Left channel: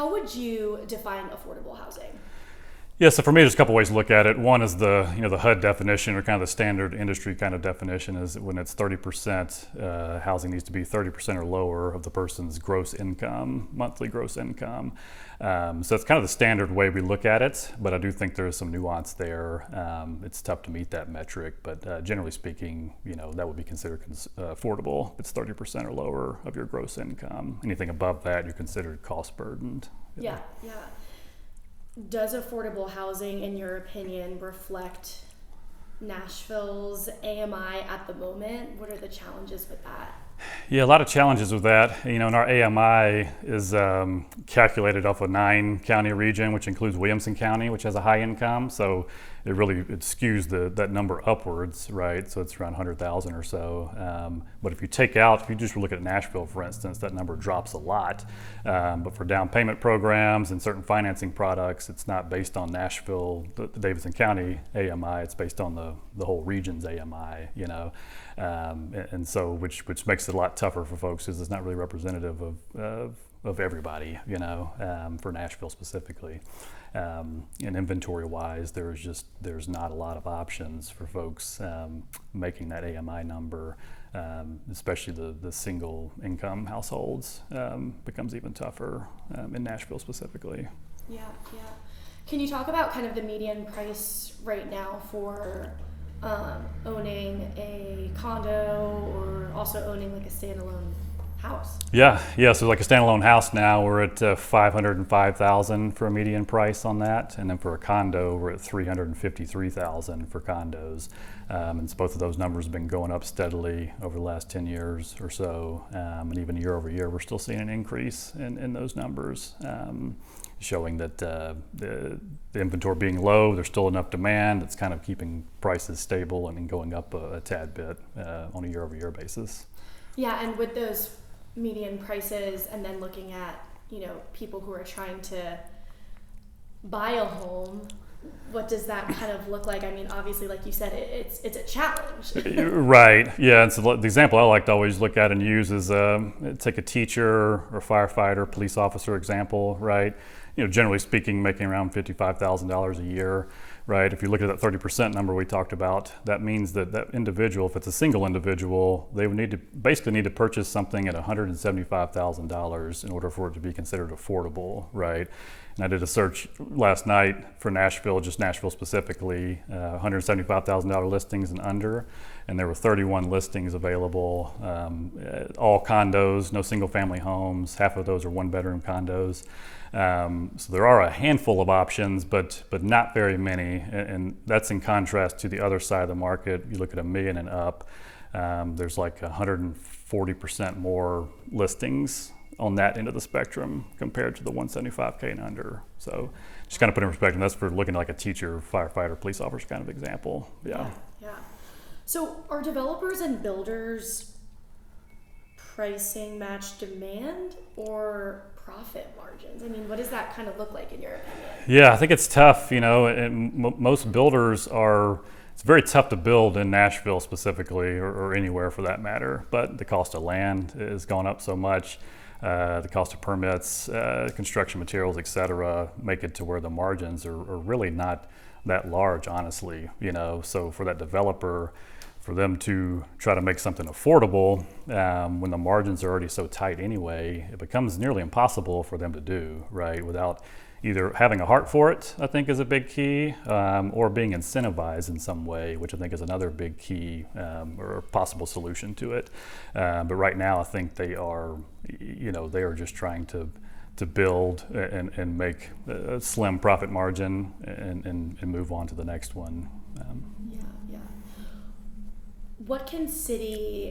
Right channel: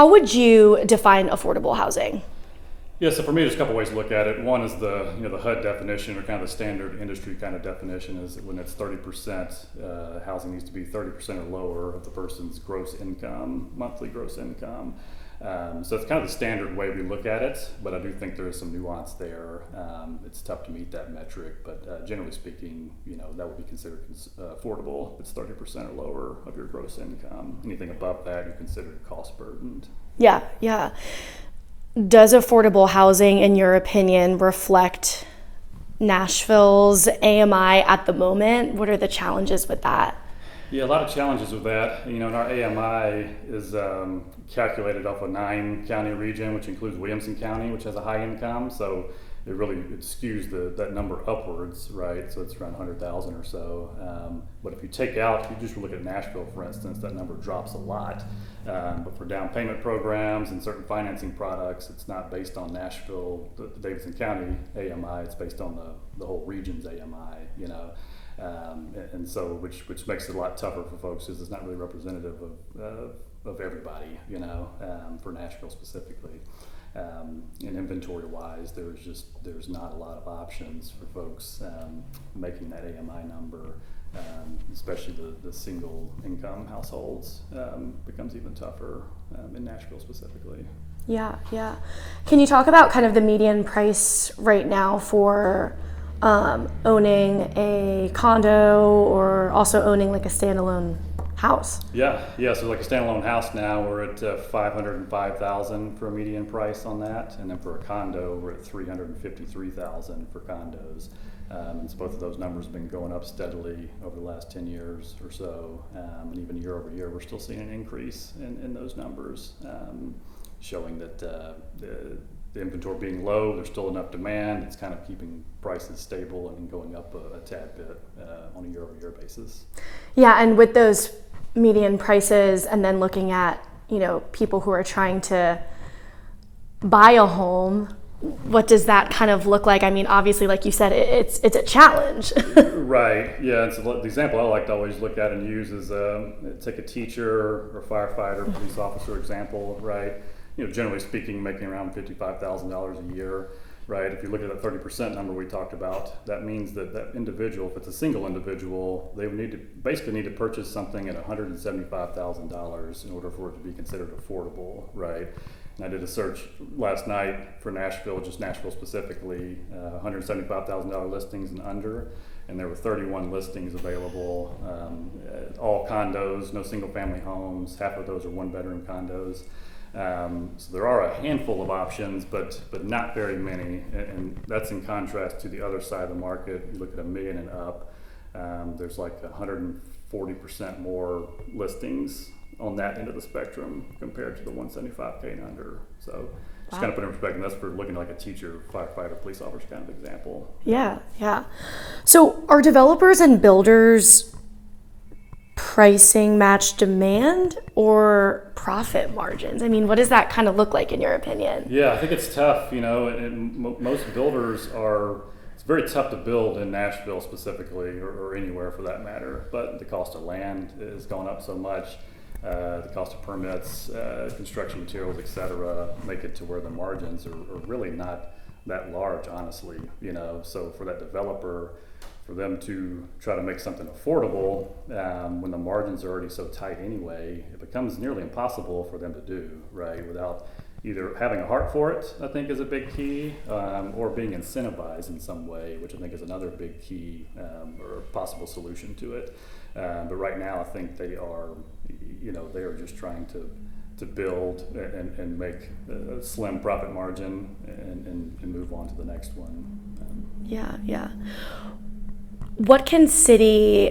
How would you define affordable housing? Yeah, so for me, there's a couple ways to look at it. One is the the HUD definition, or kind of the standard industry kind of definition, is when it's 30%, housing needs to be 30% or lower of the person's gross income, monthly gross income. So it's kind of the standard way we look at it, but I do think there is some nuance there. It's tough to meet that metric, but generally speaking, that would be considered affordable. It's 30% or lower of your gross income. Anything above that, you consider cost burdened. Yeah, yeah. Does affordable housing, in your opinion, reflect Nashville's AMI at the moment? What are the challenges with that? Yeah, a lot of challenges with that. And our AMI is calculated off a 9-county region, which includes Williamson County, which has a high income. So it skews that number upwards, right? So it's around 100,000 or so. But if you just look at Nashville, for instance, that number drops a lot. But for down payment programs and certain financing products, it's not based on Nashville, the Davidson County AMI. It's based on the whole region's AMI, and so which makes it a lot tougher for folks, because it's not really representative of everybody, for Nashville specifically. And inventory-wise, there's not a lot of options for folks making that AMI number. Especially the single income households becomes even tougher in Nashville specifically. Yeah, yeah. Can you talk about kind of the median price right now for owning a condo, or also owning like a standalone house? Yeah. So like a standalone house now, we're at $505,000 for a median price on that, and then for a condo, we're at $353,000 for condos. And so both of those numbers have been going up steadily over the last 10 years or so, and even year over year, we're still seeing an increase in those numbers, showing that the inventory being low, there's still enough demand. It's kind of keeping prices stable and then going up a tad bit on a year over year basis. Yeah, and with those median prices, and then looking at people who are trying to buy a home, what does that kind of look like? I mean, obviously, like you said, it's a challenge. Right. Yeah. And so the example I like to always look at and use is take a teacher or firefighter, police officer example, right? Generally speaking, making around $55,000 a year, right? If you look at that 30% number we talked about, that means that individual, if it's a single individual, they would need to purchase something at $175,000 in order for it to be considered affordable, right? And I did a search last night for Nashville, just Nashville specifically, $175,000 listings and under, and there were 31 listings available, all condos, no single family homes. Half of those are one-bedroom condos. So there are a handful of options, but not very many, and that's in contrast to the other side of the market. You look at $1 million and up, there's like 140% more listings on that end of the spectrum compared to the 175K and under. So just kind of put in perspective, that's for looking at like a teacher, firefighter, police officer kind of example. Yeah. So are developers and builders pricing match demand or profit margins? I mean, what does that kind of look like in your opinion? Yeah, I think it's tough, and most builders it's very tough to build in Nashville specifically, or anywhere for that matter, but the cost of land has gone up so much. The cost of permits, construction materials, et cetera, make it to where the margins are really not that large, honestly. So for that developer, for them to try to make something affordable when the margins are already so tight anyway, it becomes nearly impossible for them to do, right? Without either having a heart for it, I think is a big key, or being incentivized in some way, which I think is another big key or possible solution to it. But right now, I think they are just trying to build and make a slim profit margin and move on to the next one. Yeah. What can city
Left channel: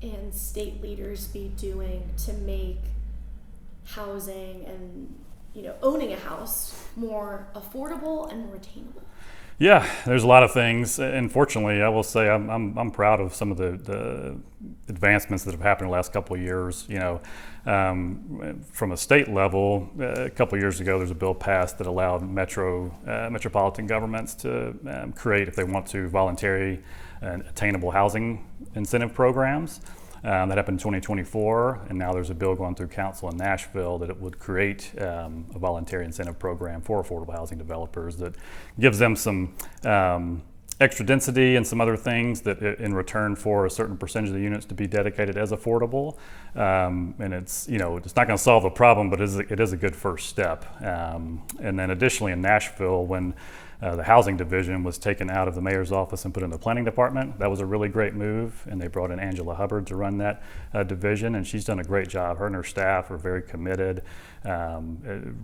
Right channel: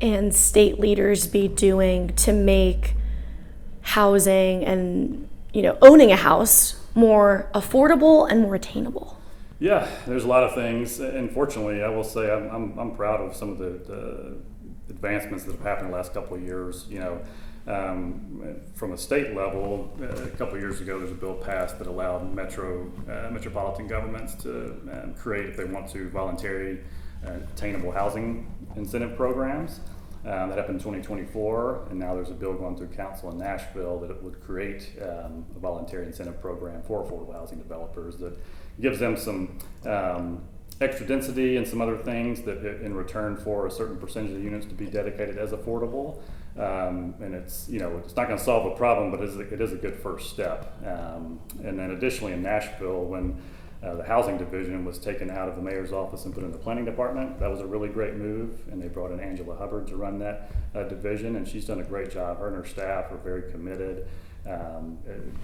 and state leaders be doing to make housing and owning a house more affordable and more attainable? Yeah, there's a lot of things. And fortunately, I will say I'm proud of some of the advancements that have happened in the last couple of years. From a state level, a couple of years ago, there's a bill passed that allowed metropolitan governments to create, if they want to, voluntary and attainable housing incentive programs. That happened in 2024, and now there's a bill going through council in Nashville that it would create a voluntary incentive program for affordable housing developers that gives them some extra density and some other things that in return for a certain percentage of the units to be dedicated as affordable. And it's, it's not going to solve the problem, but it is a good first step. And then additionally in Nashville, when the housing division was taken out of the mayor's office and put in the planning department, that was a really great move. And they brought in Angela Hubbard to run that division, and she's done a great job. Her and her staff are very committed.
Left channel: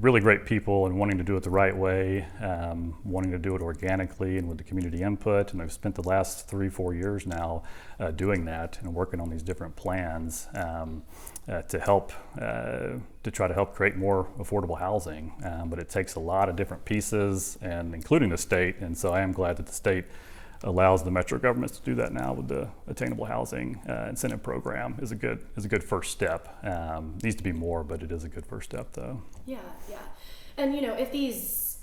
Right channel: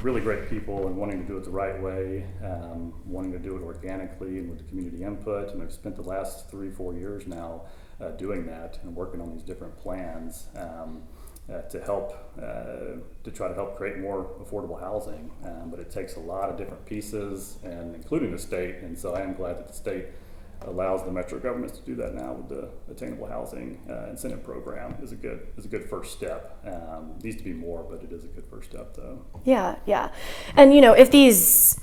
Really great people and wanting to do it the right way, wanting to do it organically and with the community input. And I've spent the last 3-4 years now doing that and working on these different plans to help to try to help create more affordable housing. But it takes a lot of different pieces, and including the state. And so I am glad that the state allows the metro governments to do that now with the attainable housing incentive program. Is a good first step. Needs to be more, but it is a good first step though. Yeah. And if these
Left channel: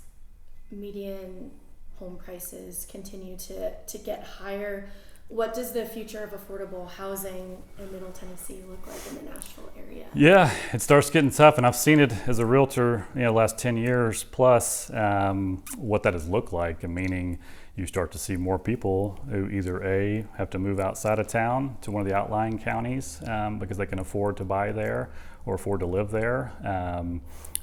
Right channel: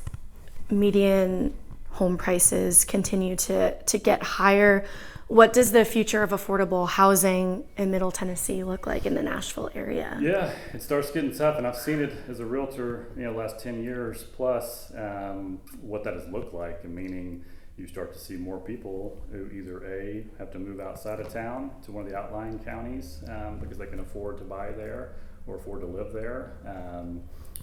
median home prices continue to get higher, what does the future of affordable housing in Middle Tennessee look like in the Nashville area? Yeah, it starts getting tough, and I've seen it as a realtor, the last 10 years plus, what that has looked like, and meaning you start to see more people who either A, have to move outside of town to one of the outlying counties because they can afford to buy there or afford to live there,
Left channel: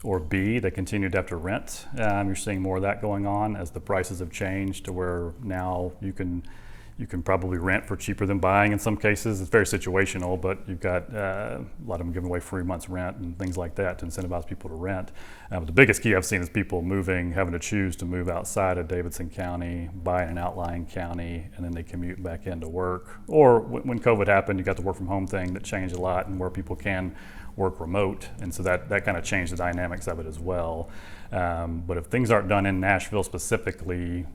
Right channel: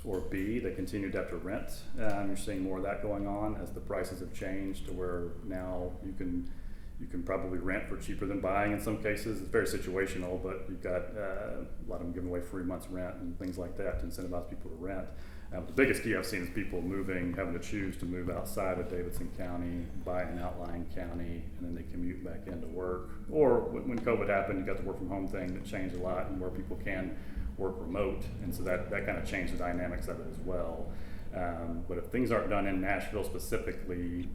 or B, they continue to have to rent. You're seeing more of that going on as the prices have changed to where now you can probably rent for cheaper than buying in some cases. It's very situational, but you've got a lot of them giving away free months rent and things like that to incentivize people to rent. But the biggest key I've seen is people having to choose to move outside of Davidson County, buy in an outlying county, and then they commute back into work. Or when COVID happened, you got the work from home thing that changed a lot, and where people can work remote. And so that kind of changed the dynamics of it as well. But if things aren't done in Nashville specifically,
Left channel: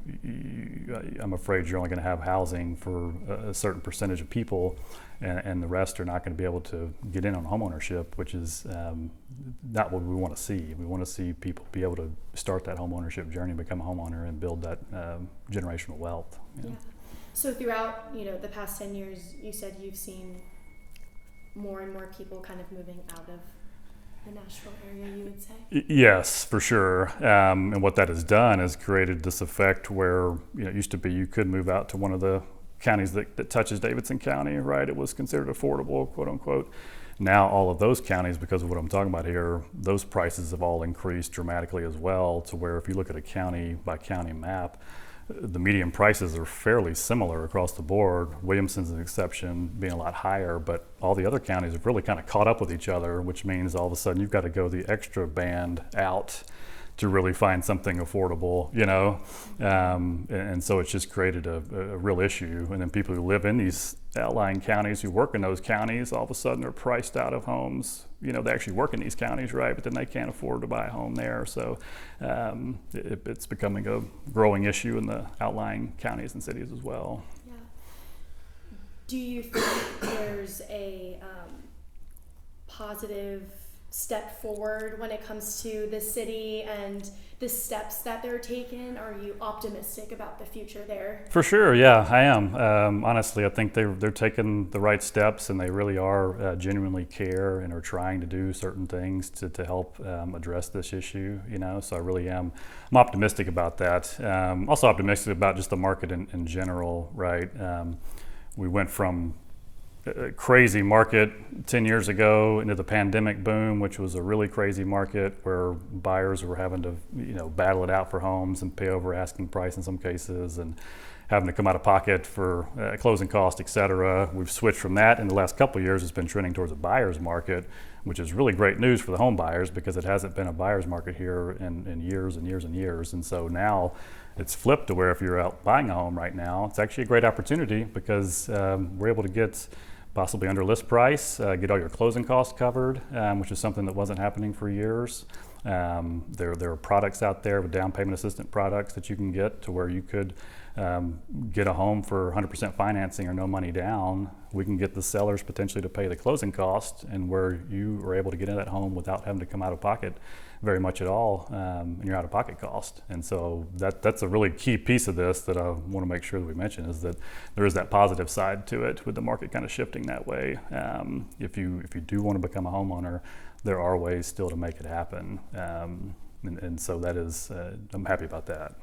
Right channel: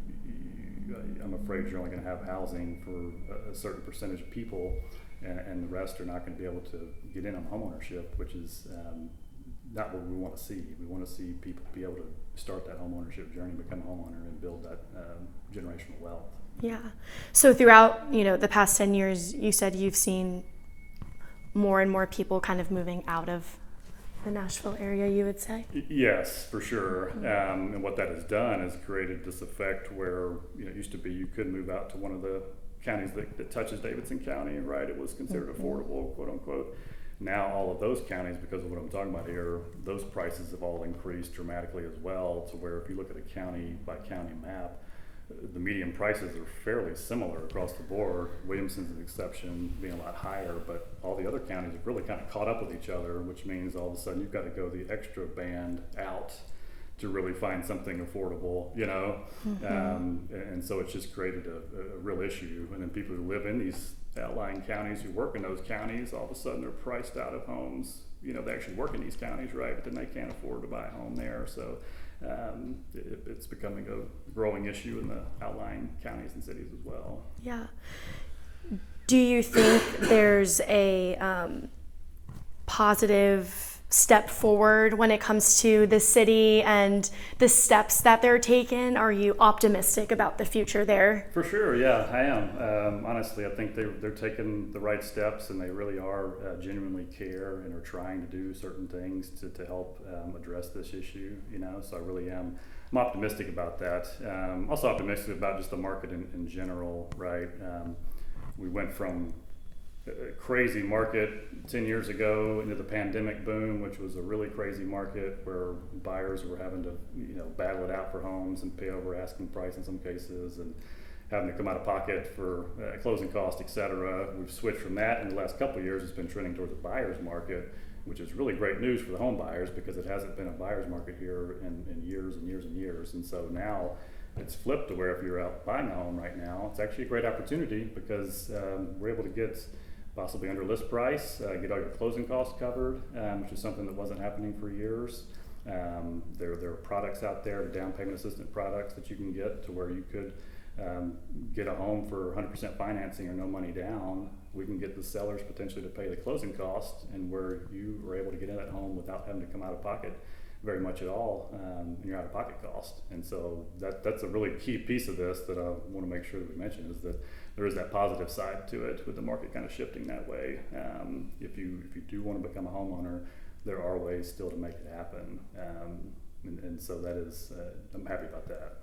I'm afraid you're only going to have housing for a certain percentage of people, and the rest are not going to be able to get in on homeownership, which is not what we want to see. We want to see people be able to start that homeownership journey, become a homeowner, and build that generational wealth. Yeah. So throughout the past 10 years, you said you've seen more and more people kind of moving out of the Nashville area, you would say? Yes, for sure. And what that has done is created this effect where it used to be you could move out to one of the counties that touches Davidson County, right? It was considered affordable, quote unquote. Now all of those counties, because of what I'm talking about here, those prices have all increased dramatically as well, to where if you look at a county by county map, the median prices are fairly similar across the board. Williamson's an exception, being a lot higher, but all the other counties have really kind of caught up with each other, which means all of a sudden you've got to go the extra band out to really find something affordable, and so it's just created a real issue. And then people who live in these outlying counties, who work in those counties, all of a sudden they're priced out of homes. They actually work in these counties, right? But then they can't afford to buy a home there. So it's becoming a growing issue in the outlying counties and cities as well. Yeah. Do you think there's a positive step forward when it comes to the city and the steps that they're taking? Are you optimistic about the future there? For sure, yeah, I am. Honestly, I think they're taking the right steps, and they really are genuinely care and are trying to do certain things to help address this issue. So I really am. I'm optimistic about that. Also optimistic about just the market in general, right? We went from a crazy market 10 years ago into the pandemic boom, which was a really crazy market where buyers were having to battle it out for homes and pay over asking price in some cases, and having to come out of pocket for closing costs, et cetera. We've switched from that in the last couple of years. It's been trending towards a buyer's market, which is really great news for the home buyers, because it hasn't been a buyer's market here in years and years and years. And so now it's flipped to where if you're out buying a home right now, it's actually a great opportunity, because we're able to get possibly under list price, get all your closing costs covered, which is something that wasn't happening for years. There are products out there with down payment assistant products that you can get to where you could get a home for 100% financing or no money down. We can get the sellers potentially to pay the closing costs, and where you are able to get in that home without having to come out of pocket very much at all in your out-of-pocket cost. And so that's a really key piece of this that I want to make sure that we mention, is that there is that positive side to it with the market kind of shifting that way. If you do want to become a homeowner, there are ways still to make it happen. And so that is, I'm happy about that.